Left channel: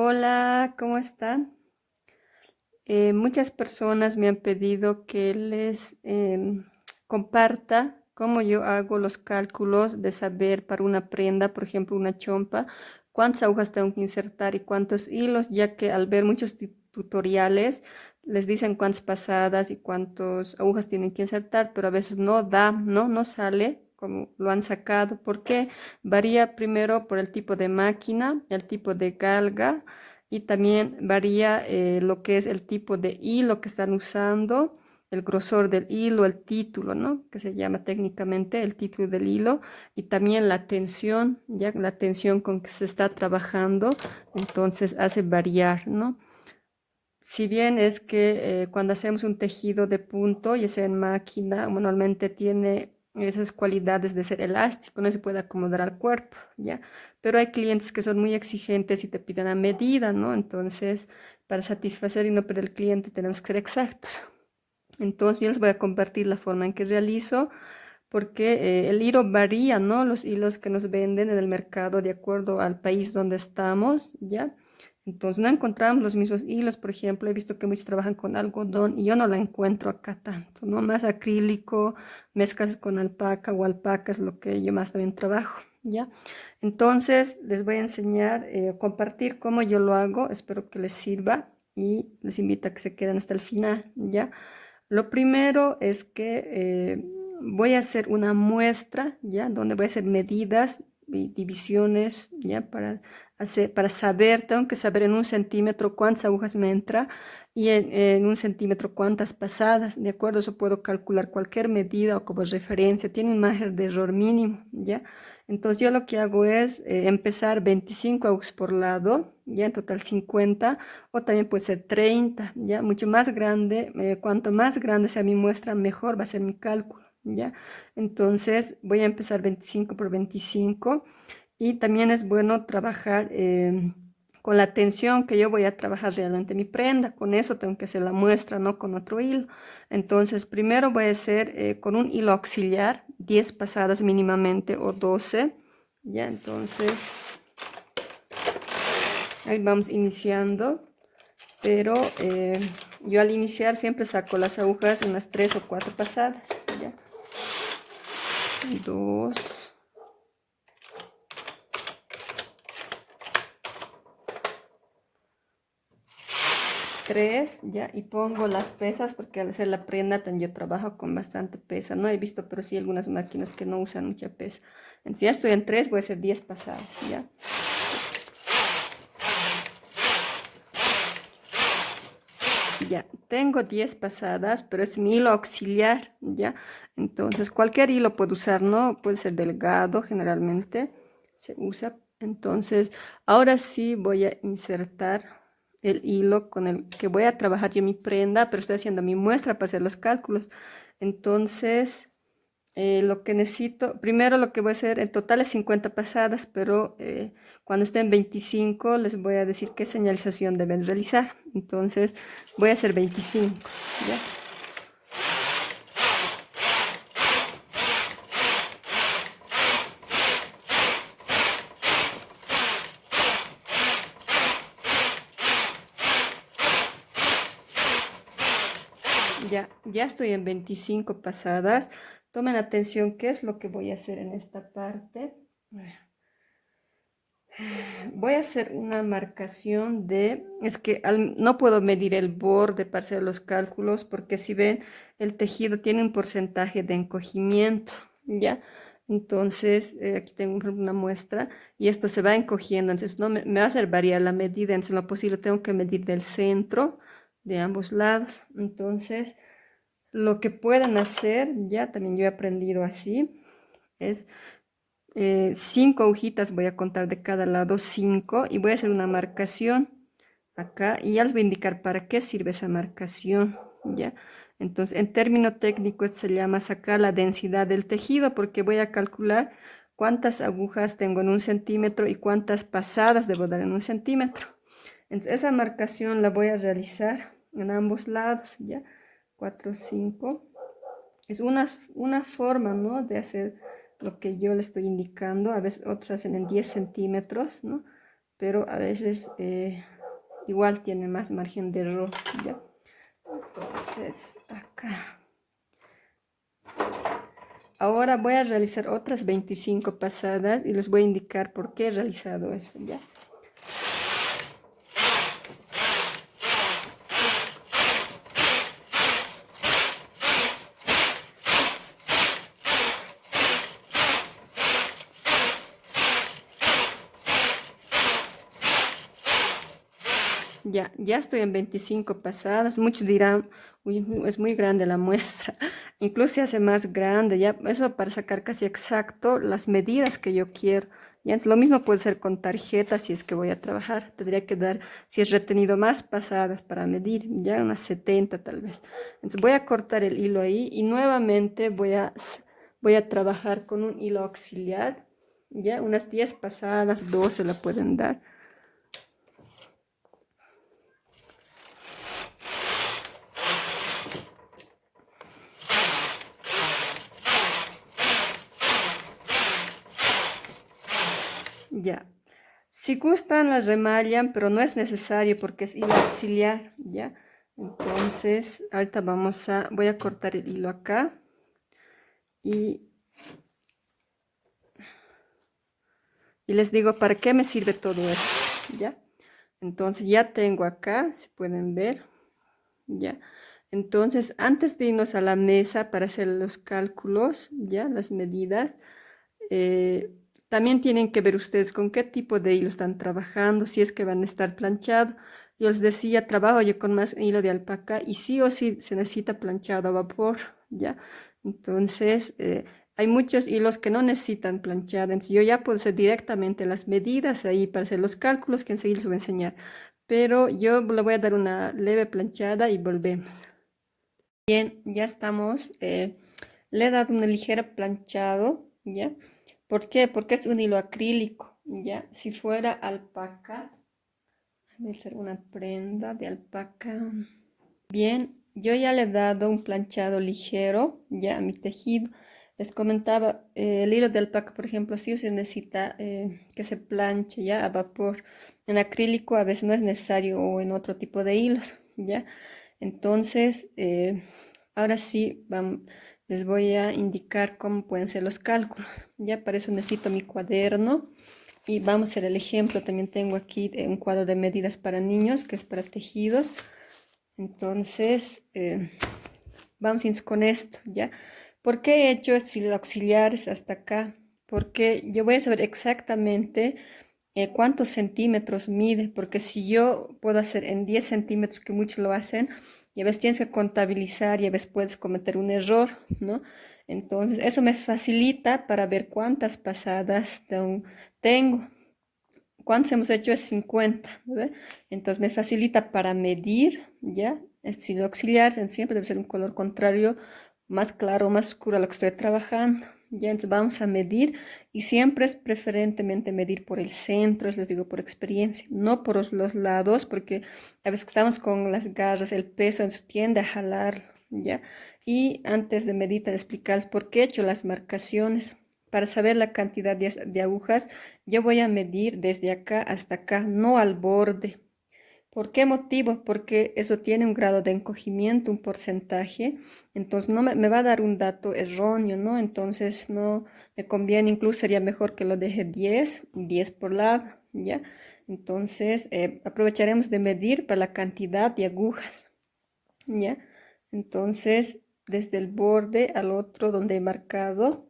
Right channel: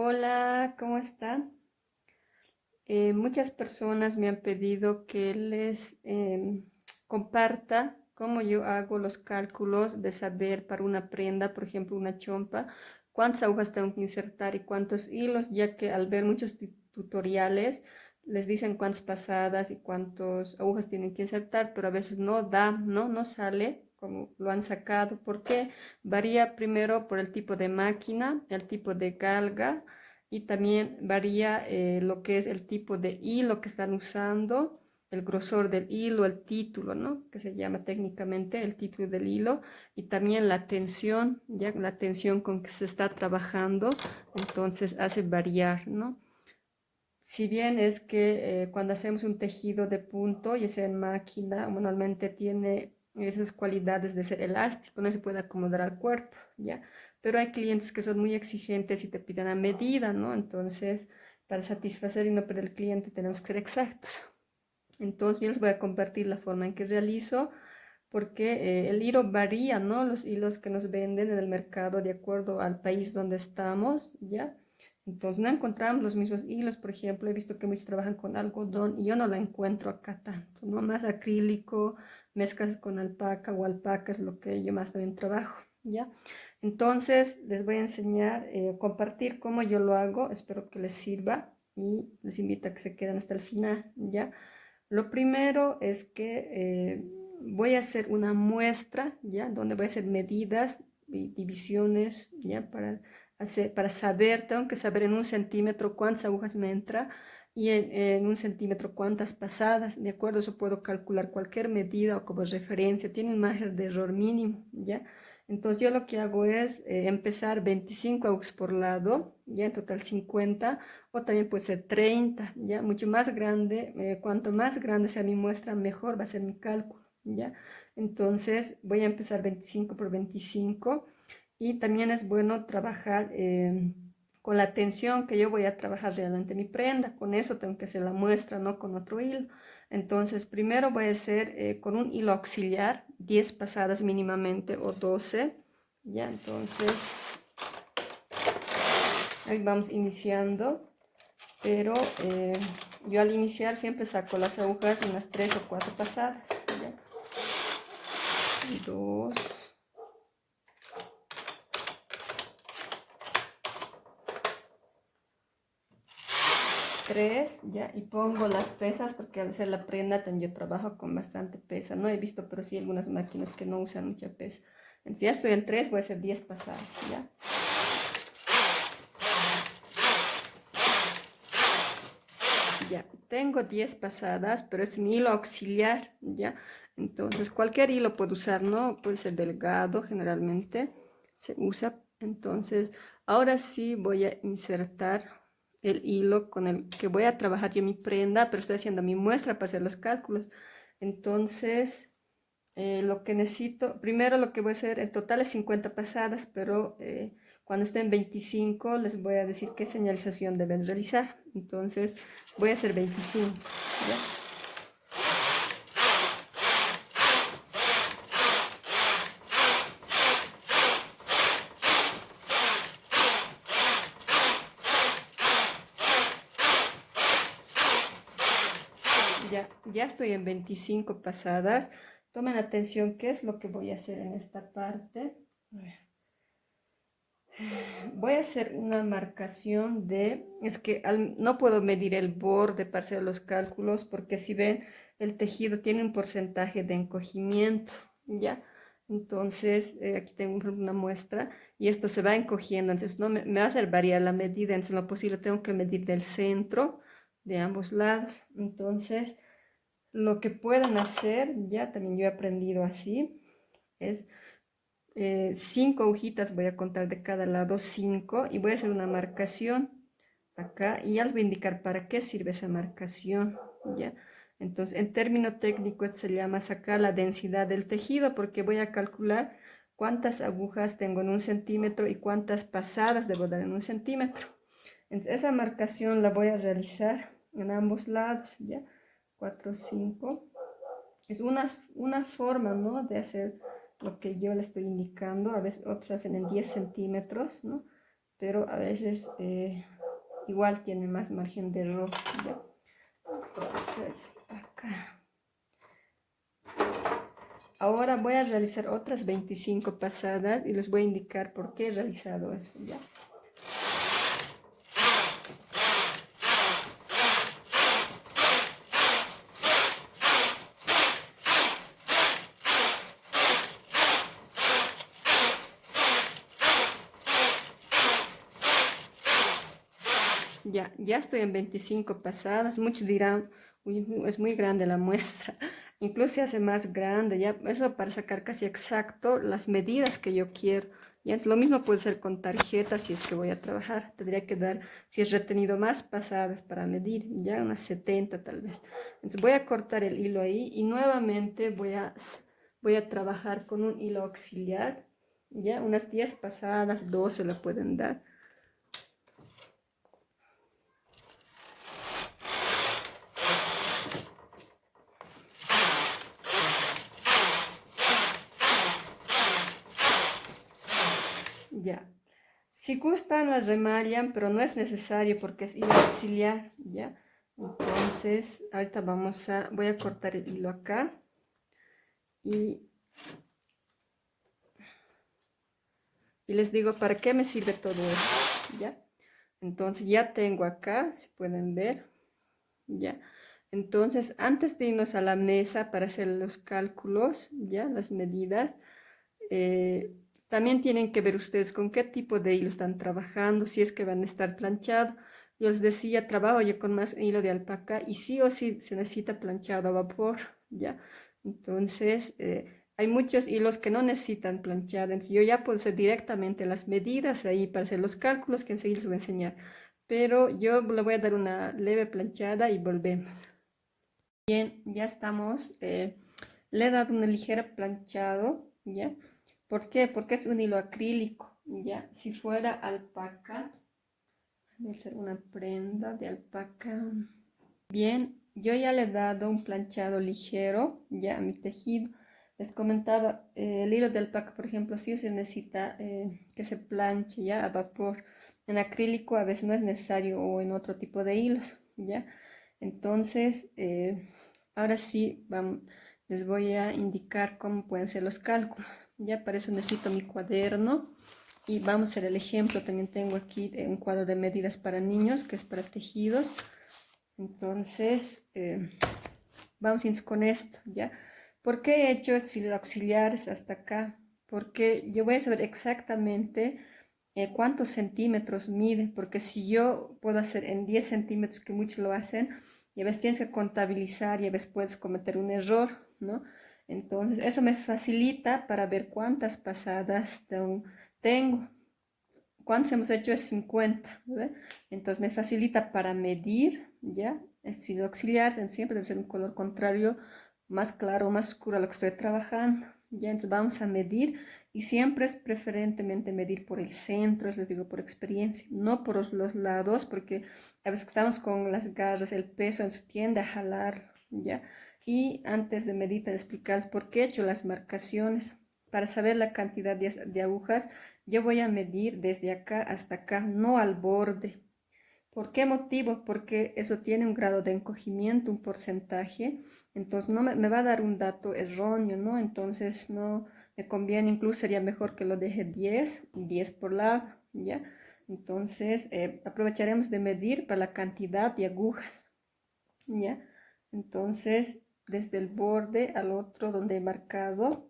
Hola, ¿cómo están? Muchas personas me han pedido que les comparta cómo yo hago los cálculos de saber para una prenda, por ejemplo, una chompa, cuántas agujas tengo que insertar y cuántos hilos, ya que al ver muchos tutoriales les dicen cuántas pasadas y cuántas agujas tienen que insertar, pero a veces no da, no sale como lo han sacado, porque varía primero por el tipo de máquina, el tipo de galga y también varía lo que es el tipo de hilo que están usando, el grosor del hilo, el título, ¿no? Que se llama técnicamente el título del hilo y también la tensión, ya la tensión con que se está trabajando, entonces hace variar, ¿no? Si bien es que cuando hacemos un tejido de punto, ya sea en máquina, normalmente tiene esas cualidades de ser elástico, no se puede acomodar al cuerpo, ¿ya? Pero hay clientes que son muy exigentes y te piden a medida, ¿no? Entonces, para satisfacer y no perder el cliente, tenemos que ser exactos. Entonces, yo les voy a compartir la forma en que realizo, porque el hilo varía, ¿no? Los hilos que nos venden en el mercado de acuerdo al país donde estamos, ¿ya? Entonces no encontramos los mismos hilos, por ejemplo, he visto que muchos trabajan con algodón y yo no la encuentro acá tanto, ¿no? Más acrílico, mezclas con alpaca o alpaca es lo que yo más también trabajo, ¿ya? Entonces les voy a enseñar, compartir cómo yo lo hago, espero que les sirva y les invito a que se queden hasta el final, ¿ya? Lo primero es que voy a hacer una muestra, ¿ya? Donde voy a hacer medidas y divisiones, ¿ya? Para saber, tengo que saber en un centímetro cuántas agujas me entra y en un centímetro cuántas pasadas, ¿de acuerdo? Eso puedo calcular cualquier medida o como referencia, tiene un margen de error mínimo, ¿ya? Entonces yo lo que hago es empezar 25 agujas por lado, ya en total 50, o también puede ser 30, ya mucho más grande, cuanto más grande sea mi muestra, mejor va a ser mi cálculo, ya. Entonces voy a empezar 25 por 25 y también es bueno trabajar con la tensión que yo voy a trabajar realmente mi prenda, con eso tengo que hacer la muestra, no con otro hilo. Entonces primero voy a hacer con un hilo auxiliar 10 pasadas mínimamente o 12, ya. Entonces ahí vamos iniciando, pero yo al iniciar siempre saco las agujas unas 3 o 4 pasadas, ¿ya? 2, 3, ya, y pongo las pesas porque al hacer la prenda yo trabajo con bastante pesa, no he visto, pero sí algunas máquinas que no usan mucha pesa. Entonces ya estoy en 3, voy a hacer 10 pasadas, ya. Ya, tengo 10 pasadas, pero es mi hilo auxiliar, ¿ya? Entonces, cualquier hilo puedo usar, ¿no? Puede ser delgado, generalmente se usa. Entonces, ahora sí voy a insertar el hilo con el que voy a trabajar yo mi prenda, pero estoy haciendo mi muestra para hacer los cálculos. Entonces, lo que necesito, primero lo que voy a hacer, el total es 50 pasadas, pero cuando estén 25 les voy a decir qué señalización deben realizar. Entonces voy a hacer 25, ¿ya? Ya estoy en 25 pasadas. Tomen atención qué es lo que voy a hacer en esta parte. Voy a hacer una marcación de, es que no puedo medir el borde para hacer los cálculos porque si ven el tejido tiene un porcentaje de encogimiento, ¿ya? Entonces aquí tengo una muestra y esto se va encogiendo, entonces no me va a hacer variar la medida, entonces en lo posible tengo que medir del centro de ambos lados. Entonces lo que puedan hacer, ya también yo he aprendido así, es 5 agujitas voy a contar de cada lado, 5, y voy a hacer una marcación acá y ya les voy a indicar para qué sirve esa marcación, ¿ya? Entonces, en término técnico esto se llama sacar la densidad del tejido porque voy a calcular cuántas agujas tengo en un centímetro y cuántas pasadas debo dar en un centímetro. Entonces, esa marcación la voy a realizar en ambos lados, ¿ya? 4, 5. Es una forma, ¿no? De hacer lo que yo le estoy indicando. A veces otros hacen en 10 centímetros, ¿no? pero a veces igual tiene más margen de error, ¿ya? Entonces, acá. Ahora voy a realizar otras 25 pasadas y les voy a indicar por qué he realizado eso, ¿ya? Ya estoy en 25 pasadas. Muchos dirán, uy, es muy grande la muestra. Incluso se hace más grande, ya eso para sacar casi exacto las medidas que yo quiero. Ya lo mismo puede ser con tarjetas si es que voy a trabajar. Tendría que dar, si es retenido, más pasadas para medir, ya unas 70 tal vez. Entonces voy a cortar el hilo ahí y nuevamente voy a trabajar con un hilo auxiliar. Ya unas 10 pasadas, 12 la pueden dar. Ya. Si gustan las remallan, pero no es necesario porque es hilo auxiliar, ¿ya? Entonces, ahorita voy a cortar el hilo acá y, y les digo para qué me sirve todo esto, ¿ya? Entonces ya tengo acá, si pueden ver, ¿ya? Entonces, antes de irnos a la mesa para hacer los cálculos, ¿ya? Las medidas, Eh, también tienen que ver ustedes con qué tipo de hilo están trabajando, si es que van a estar planchados. Yo les decía, trabajo yo con más hilo de alpaca y sí o sí se necesita planchado a vapor, ¿ya? Entonces, hay muchos hilos que no necesitan planchado, entonces yo ya puedo hacer directamente las medidas ahí para hacer los cálculos que enseguida les voy a enseñar. Pero yo le voy a dar una leve planchada y volvemos. Bien, ya estamos. Le he dado una ligera planchado, ¿ya? ¿Por qué? Porque es un hilo acrílico, ¿ya? Si fuera alpaca, voy a hacer una prenda de alpaca. Bien, yo ya le he dado un planchado ligero, ya a mi tejido. Les comentaba, el hilo de alpaca, por ejemplo, sí se necesita que se planche ya a vapor. En acrílico a veces no es necesario o en otro tipo de hilos, ¿ya? Entonces, ahora sí, les voy a indicar cómo pueden ser los cálculos. Ya para eso necesito mi cuaderno y vamos a hacer el ejemplo. También tengo aquí un cuadro de medidas para niños, que es para tejidos. Entonces, vamos con esto, ¿ya? ¿Por qué he hecho estos auxiliares hasta acá? Porque yo voy a saber exactamente cuántos centímetros mide, porque si yo puedo hacer en 10 centímetros, que muchos lo hacen, y a veces tienes que contabilizar y a veces puedes cometer un error, ¿no? Entonces, eso me facilita para ver cuántas pasadas tengo. ¿Cuántos hemos hecho? Es 50, ¿ve? Entonces me facilita para medir, ¿ya? Estilo auxiliar, siempre debe ser un color contrario, más claro, más oscuro a lo que estoy trabajando. Ya, entonces vamos a medir y siempre es preferentemente medir por el centro, les digo por experiencia, no por los lados, porque a veces que estamos con las garras, el peso en su tiende a jalar, ¿ya? Y antes de medir, te explicarles por qué he hecho las marcaciones. Para saber la cantidad de agujas, yo voy a medir desde acá hasta acá, no al borde. ¿Por qué motivo? Porque eso tiene un grado de encogimiento, un porcentaje, entonces no me va a dar un dato erróneo, ¿no? Entonces no me conviene, incluso sería mejor que lo deje 10, 10 por lado, ¿ya? Entonces aprovecharemos de medir para la cantidad de agujas, ¿ya? Entonces, desde el borde al otro donde he marcado,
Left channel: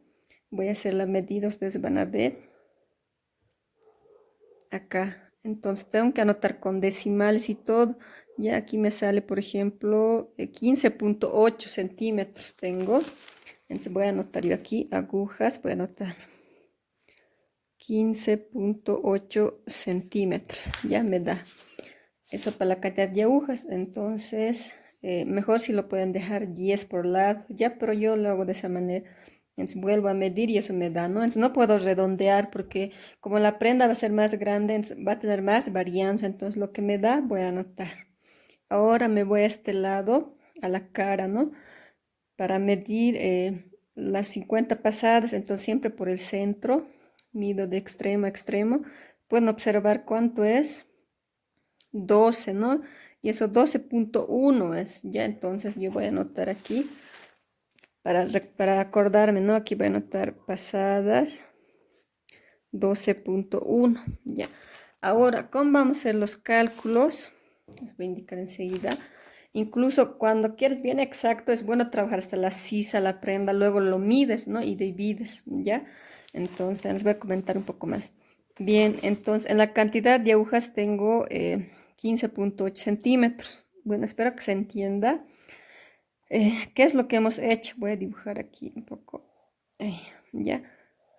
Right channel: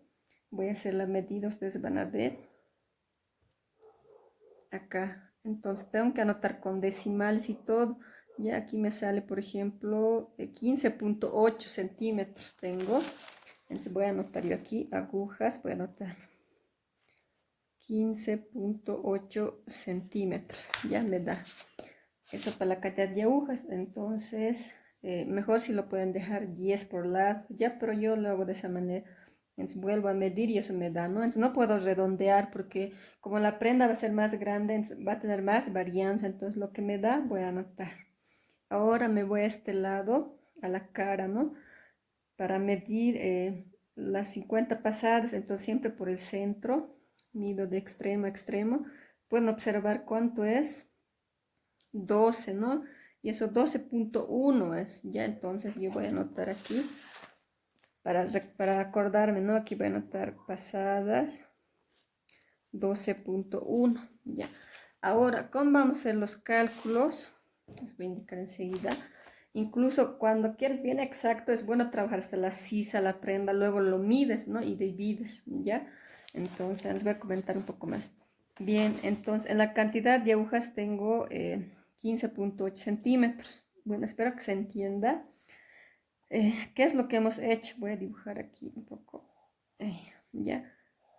voy a hacer la medida, ustedes van a ver acá. Entonces tengo que anotar con decimales y todo. Ya aquí me sale, por ejemplo, 15.8 centímetros tengo. Entonces voy a anotar yo aquí agujas, voy a anotar 15.8 centímetros. Ya me da eso para la cantidad de agujas. Entonces, mejor si lo pueden dejar 10 por lado. Ya, pero yo lo hago de esa manera. Entonces vuelvo a medir y eso me da, ¿no? Entonces no puedo redondear porque como la prenda va a ser más grande, entonces va a tener más varianza. Entonces lo que me da voy a anotar. Ahora me voy a este lado, a la cara, ¿no? Para medir las 50 pasadas, entonces siempre por el centro, mido de extremo a extremo, pueden observar cuánto es 12, ¿no? Y eso 12.1 es, ya, entonces yo voy a anotar aquí para acordarme, ¿no? Aquí voy a anotar pasadas 12.1, ya. Ahora, ¿cómo vamos a hacer los cálculos? Les voy a indicar enseguida. Incluso cuando quieres bien exacto, es bueno trabajar hasta la sisa, la prenda, luego lo mides, ¿no? Y divides, ¿ya? Entonces, les voy a comentar un poco más. Bien, entonces, en la cantidad de agujas tengo 15.8 centímetros. Bueno, espero que se entienda. ¿Qué es lo que hemos hecho? Voy a dibujar aquí un poco. Ahí, ya,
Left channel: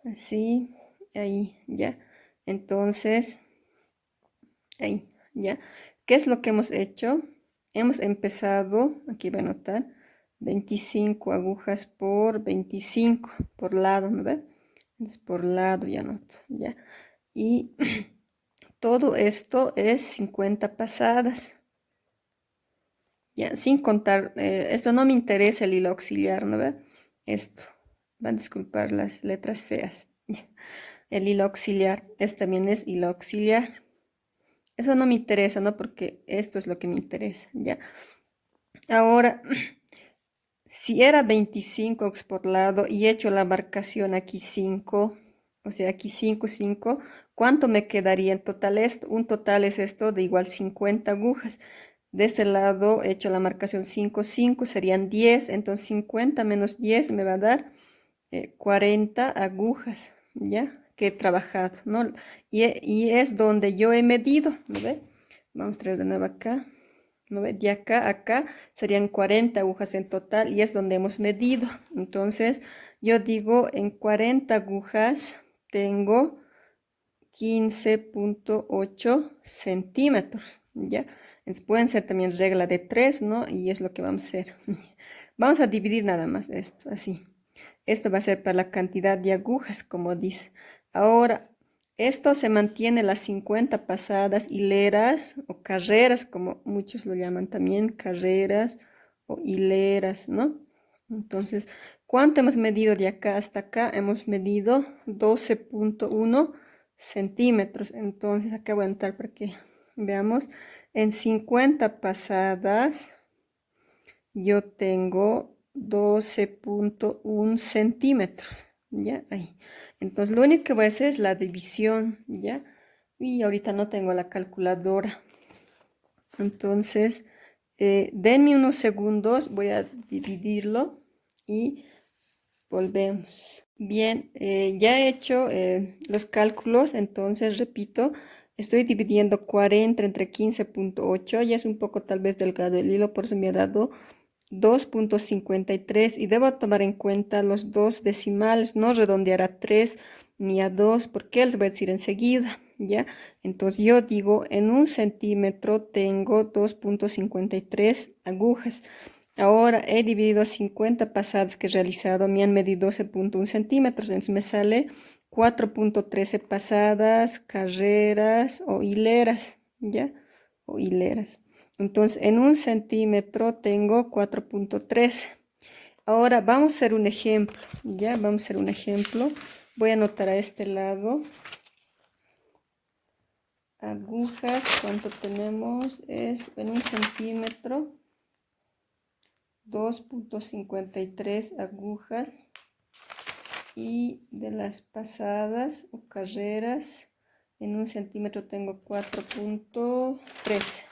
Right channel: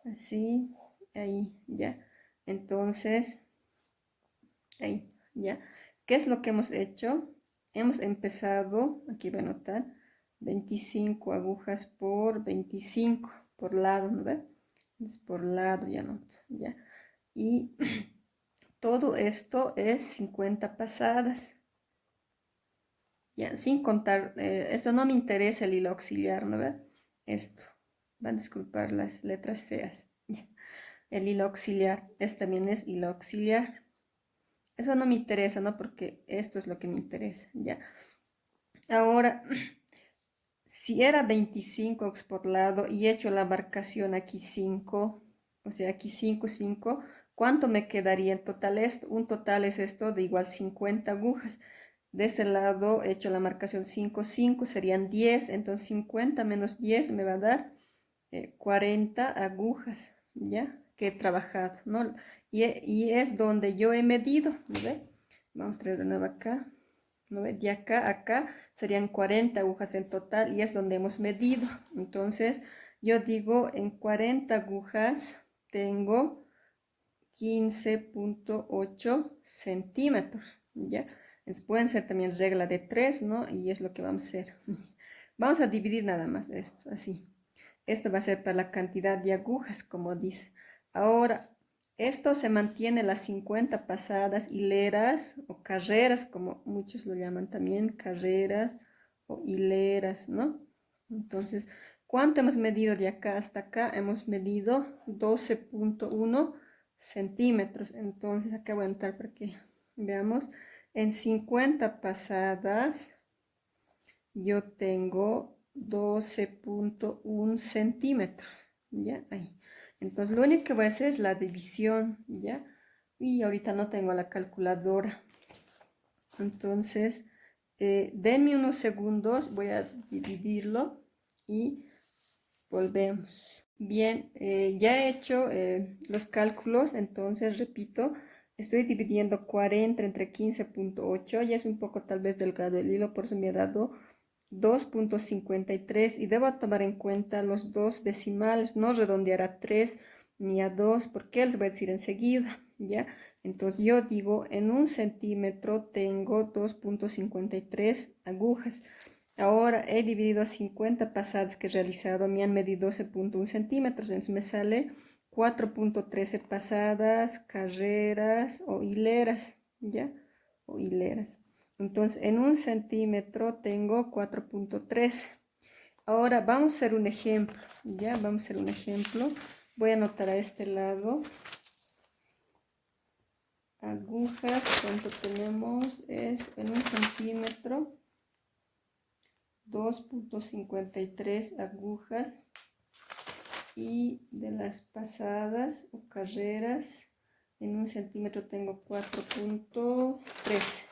así, ahí, ya. Entonces, ahí, ya. ¿Qué es lo que hemos hecho? Hemos empezado, aquí voy a anotar, 25 agujas por 25 por lado, ¿no ve? Entonces, por lado ya anoto, ya. Y todo esto es 50 pasadas. Ya, sin contar, esto no me interesa el hilo auxiliar, ¿no ve? Esto, van a disculpar las letras feas. Ya. El hilo auxiliar, este también es hilo auxiliar. Eso no me interesa, ¿no? Porque esto es lo que me interesa, ¿ya? Ahora, si era 25 por lado y he hecho la marcación aquí 5, o sea, aquí 5, 5, ¿cuánto me quedaría en total esto? Un total es esto de igual 50 agujas. De este lado he hecho la marcación 5, 5, serían 10, entonces 50 menos 10 me va a dar 40 agujas, ¿ya? Que he trabajado, ¿no? Y es donde yo he medido, ¿no ve? Vamos a traer de nuevo acá, ¿no ve? De acá a acá serían 40 agujas en total y es donde hemos medido. Entonces, yo digo, en 40 agujas tengo 15.8 centímetros, ¿ya? Entonces, pueden ser también regla de 3, ¿no? Y es lo que vamos a hacer. Vamos a dividir nada más esto, así. Esto va a ser para la cantidad de agujas, como dice. Ahora, esto se mantiene las 50 pasadas hileras o carreras, como muchos lo llaman también, carreras o hileras, ¿no? Entonces, ¿cuánto hemos medido de acá hasta acá? Hemos medido 12.1 centímetros. Entonces, acá voy a entrar para que veamos. En 50 pasadas, yo tengo 12.1 centímetros, ¿ya? Ahí. Entonces, lo único que voy a hacer es la división, ¿ya? Y ahorita no tengo la calculadora. Entonces, denme unos segundos, voy a dividirlo y volvemos. Bien, ya he hecho los cálculos, entonces repito, estoy dividiendo 40 entre 15.8, ya es un poco tal vez delgado el hilo, por eso me ha dado 2.53 y debo tomar en cuenta los dos decimales, no redondear a 3 ni a 2 porque les voy a decir enseguida, ¿ya? Entonces yo digo, en un centímetro tengo 2.53 agujas. Ahora he dividido 50 pasadas que he realizado, me han medido 12.1 centímetros, entonces me sale 4.13 pasadas, carreras o hileras, ¿ya? O hileras. Entonces, en un centímetro tengo 4.13. Ahora vamos a hacer un ejemplo, ¿ya? Vamos a hacer un ejemplo. Voy a anotar a este lado. Agujas, ¿cuánto tenemos? Es en un centímetro. 2.53 agujas. Y de las pasadas o carreras, en un centímetro tengo 4.13.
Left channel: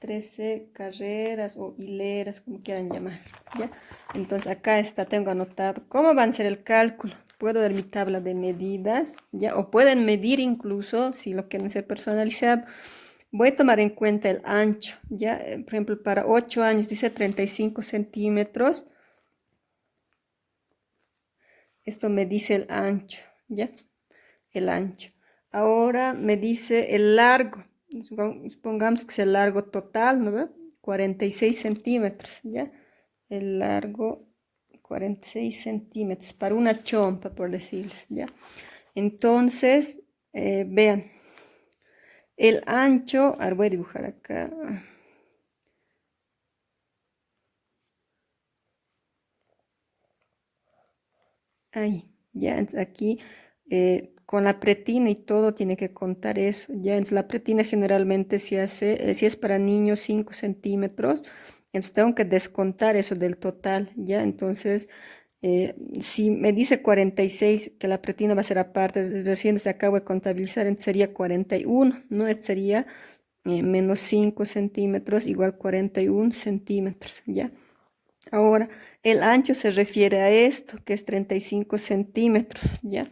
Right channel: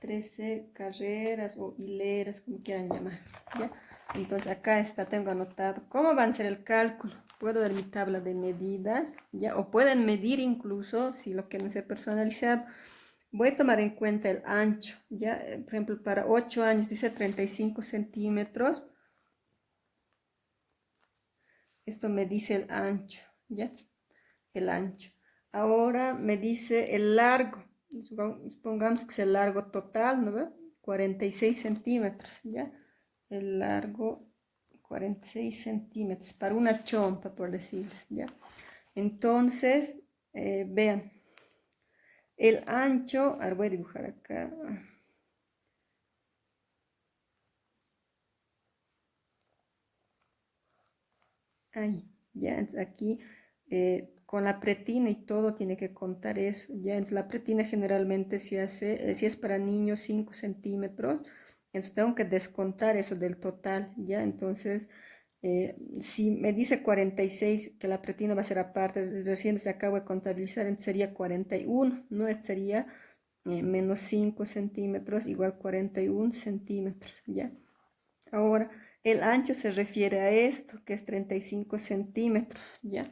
13 carreras o hileras, como quieran llamar, ¿ya? Entonces acá está, tengo anotado cómo va a ser el cálculo. Puedo ver mi tabla de medidas, ¿ya? O pueden medir incluso si lo quieren hacer personalizado. Voy a tomar en cuenta el ancho, ¿ya? Por ejemplo, para 8 años dice 35 centímetros. Esto me dice el ancho, ¿ya? El ancho. Ahora me dice el largo. Supongamos que es el largo total, ¿no ve? 46 centímetros, ¿ya? El largo 46 centímetros para una chompa, por decirles, ¿ya? Entonces, vean, el ancho, ahora voy a dibujar acá. Ahí, ya, aquí con la pretina y todo tiene que contar eso, ¿ya? Entonces la pretina generalmente se hace, si es para niños, 5 centímetros, entonces tengo que descontar eso del total, ¿ya? Entonces, si me dice 46 que la pretina va a ser aparte, recién se acabo de contabilizar, entonces sería 41, ¿no? Este sería menos 5 centímetros igual 41 centímetros, ¿ya? Ahora, el ancho se refiere a esto, que es 35 centímetros, ¿ya?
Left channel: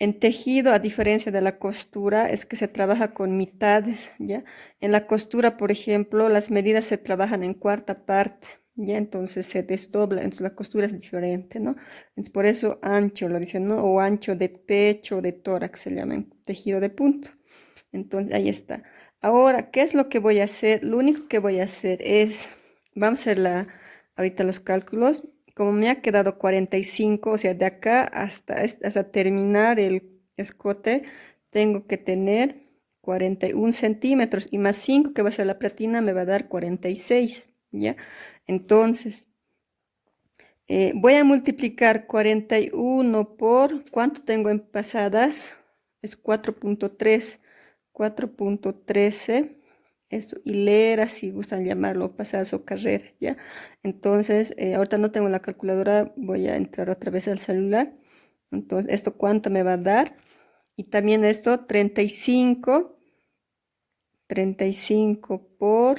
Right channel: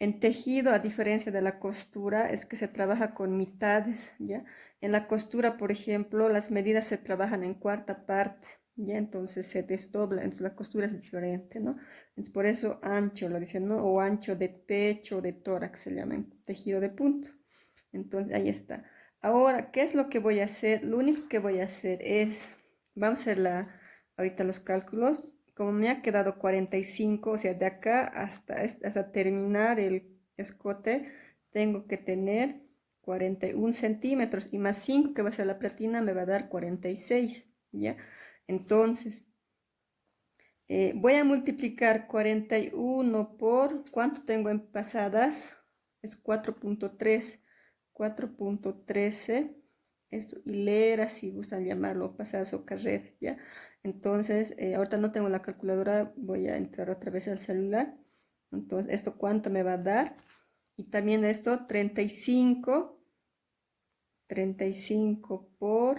En tejido, a diferencia de la costura, es que se trabaja con mitades, ¿ya? En la costura, por ejemplo, las medidas se trabajan en cuarta parte, ¿ya? Entonces se desdobla, entonces la costura es diferente, ¿no? Entonces por eso ancho lo dicen, ¿no? O ancho de pecho, de tórax, se llama en tejido de punto. Entonces ahí está. Ahora, ¿qué es lo que voy a hacer? Lo único que voy a hacer es, vamos a hacer ahorita los cálculos. Como me ha quedado 45, o sea, de acá hasta terminar el escote, tengo que tener 41 centímetros y más 5 que va a ser la platina me va a dar 46, ¿ya? Entonces, voy a multiplicar 41 por, ¿cuánto tengo en pasadas? Es 4.3, 4.13, esto, hileras, si gustan llamarlo, pasadas o carreras, ¿ya? Entonces, ahorita no tengo la calculadora, voy a entrar otra vez al celular. Entonces, ¿esto cuánto me va a dar? Y también esto, 35 por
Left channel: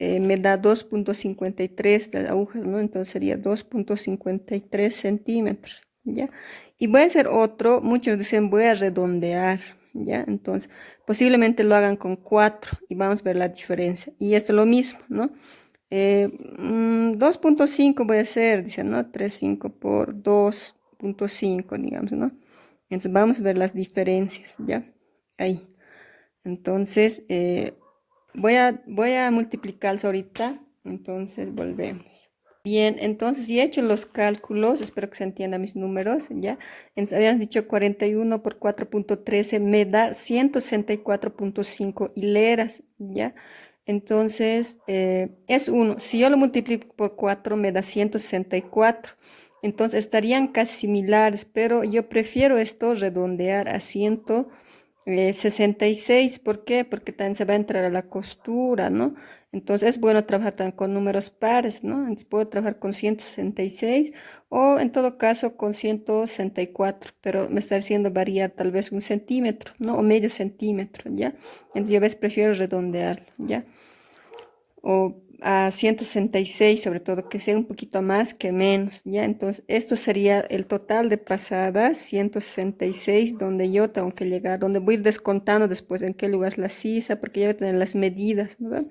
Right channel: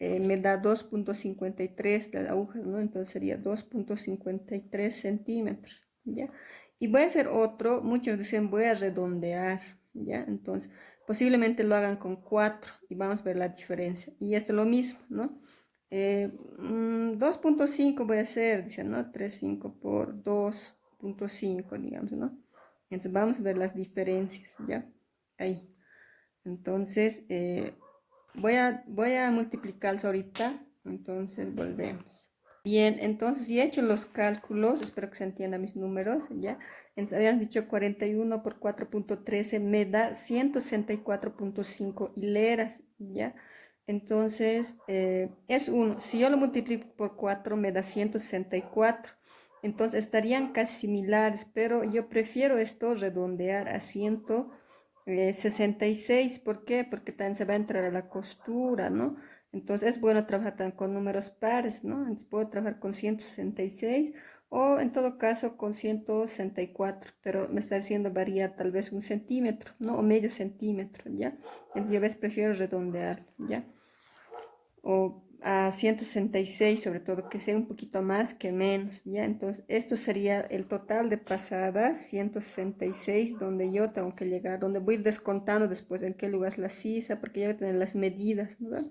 me da 2.53 de agujas, ¿no? Entonces sería 2.53 centímetros, ¿ya? Y voy a hacer otro, muchos dicen voy a redondear, ¿ya? Entonces posiblemente lo hagan con 4 y vamos a ver la diferencia. Y esto es lo mismo, ¿no? 2.5 voy a hacer, dice, ¿no? 3.5 por 2.5, digamos, ¿no? Entonces vamos a ver las diferencias, ¿ya? Ahí. Entonces, voy a multiplicarlos ahorita, entonces volvemos. Bien, entonces ya he hecho los cálculos, espero que se entiendan mis números, ¿ya? Entonces, habíamos dicho 41 por 4.13 me da 164.5 hileras, ¿ya? Entonces, es 1. Si yo lo multiplico por 4 me da 164. Entonces, estarían casi similares, pero yo prefiero esto redondear a 66. ¿Por qué? Porque también se va a entrar a la costura, ¿no? Entonces es bueno trabajar también con números pares, ¿no? Entonces puedo trabajar con 166 o en todo caso con 164, pero me está haciendo variar tal vez 1 centímetro, ¿no? O medio centímetro, ¿ya? Entonces yo a veces prefiero redondear, ¿ya? O a 166 sobre todo, que sea un poquito más que menos, ¿ya? Entonces, esto sería el total de pasadas, 166 donde yo tengo que llegar, donde voy descontando después en qué lugar es la sisa, porque ya voy a tener las medidas, ¿no?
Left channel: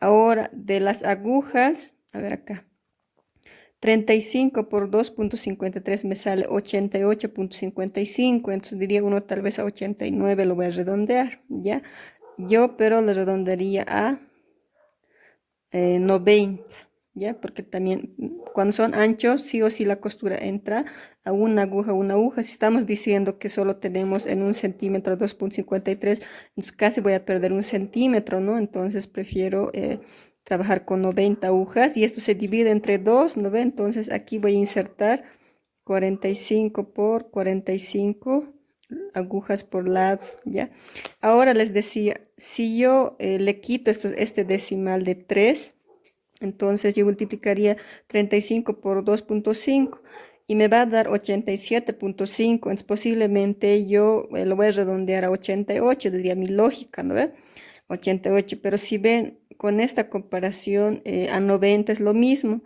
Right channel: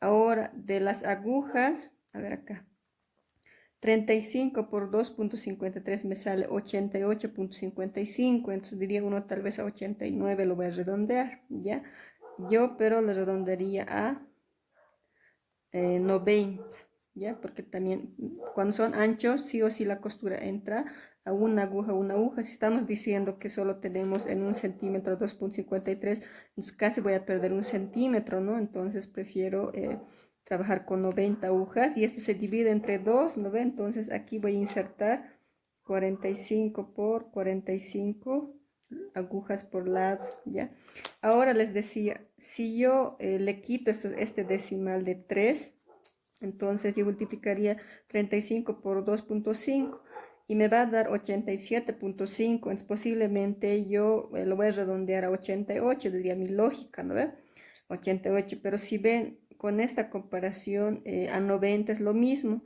Ahora, de las agujas, a ver acá, 35 por 2.53 me sale 88.55, entonces diría uno tal vez a 89 lo voy a redondear, ¿ya? Yo, pero lo redondearía a 90, ¿ya? Porque también cuando son anchos, sí o sí la costura entra a una aguja, una aguja. Si estamos diciendo que solo tenemos en 1 centímetro 2.53, entonces casi voy a perder 1 centímetro, ¿no? Entonces prefiero trabajar con 90 agujas y esto se divide entre 2, ¿no ve? Entonces aquí voy a insertar 45 por 45 agujas por lado, ¿ya? Ahora les decía, si yo le quito este decimal de 3, entonces yo multiplicaría 35 por 2.5 y me va a dar 87.5. Entonces posiblemente yo lo voy a redondear a 88, diría mi lógica, ¿no ve? 88, pero si ven con esta comparación a 90 es lo mismo.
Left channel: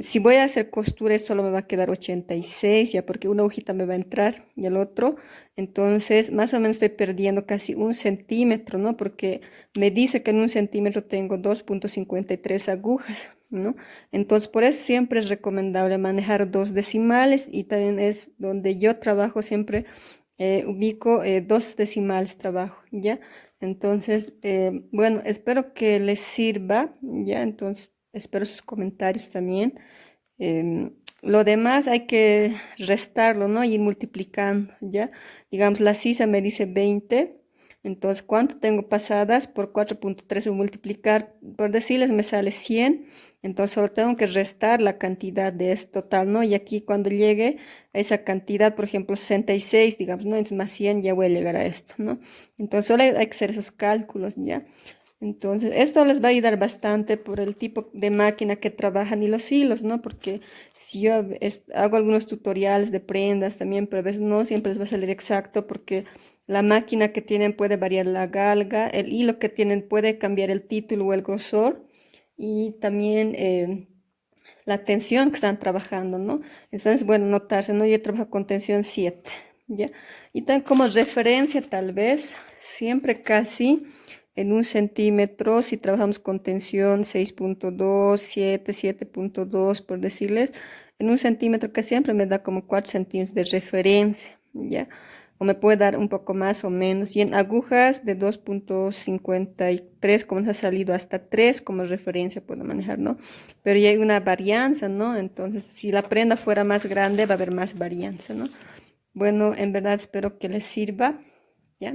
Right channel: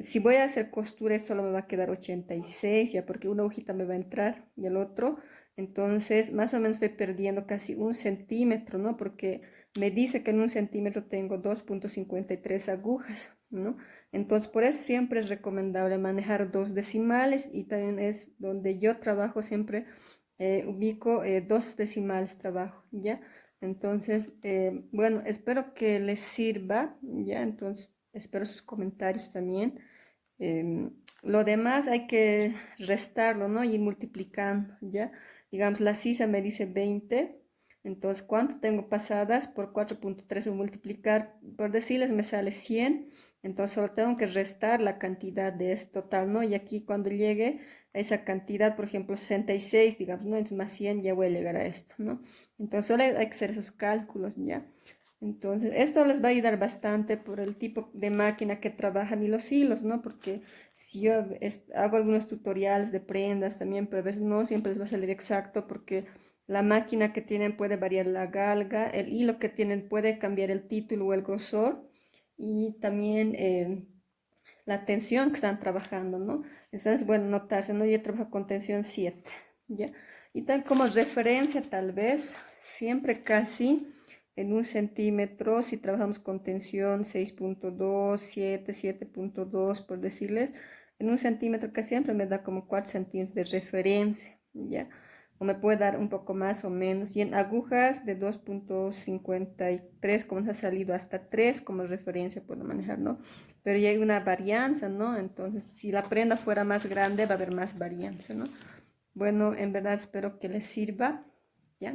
Si voy a hacer costura, esto solo me va a quedar 86, ya porque una agujita me va a entrar y el otro. Entonces, más o menos estoy perdiendo casi 1 centímetro, ¿no? Porque me dice que en 1 centímetro tengo 2.53 agujas, ¿no? Entonces, por eso siempre es recomendable manejar dos decimales y también es donde yo trabajo siempre, ubico dos decimales trabajo, ¿ya? Entonces, bueno, espero que les sirva, ¿ya? Entonces, espero sus comentarios también. Lo demás hay que restarlo, ¿no? Y ir multiplicando, ¿ya? Digamos, la sisa me dice 20. Entonces, ¿cuánto tengo pasadas? Por 4.3 multiplicar, por decirles, me sale 100. Entonces, solo tengo que restar la cantidad de este total, ¿no? Y aquí cuando llegue a esa cantidad, por ejemplo, 66, digamos, ¿no? Es más 100, ya voy a llegar a esto, ¿no? Entonces, solo hay que hacer esos cálculos, ¿ya? Entonces, esto les va a ayudar bastante por el tipo de máquina que trabajan y los hilos, ¿no? Porque si yo hago algunos tutoriales de prendas también, pero a veces no siempre les va a salir exacto porque la máquina que tienen puede variar la galga, el hilo que tienen puede cambiar el título o el grosor y también la tensión que están trabajando, ¿no? Entonces, bueno, notarse, ¿no? Yo trabajo con tensión 7, ¿ya? Y también como referencia, tal vez, siempre casi en 1 centímetro, si trabajamos con tensión 6.2, 7, 7.2, por decirles, en 1 centímetro que siempre me da como 4 centímetros de referencia, ¿ya? O me puede dar un poco más o menos. Y en agujas de 2.53, como nos ha salido hasta 3 como referencia puedo manejar, ¿no? Pero ya hay una varianza, ¿no? Entonces, si la prenda fuera más grande, va a haber más varianza, ¿no? Bueno, en verdad espero que les sirva, ¿ya?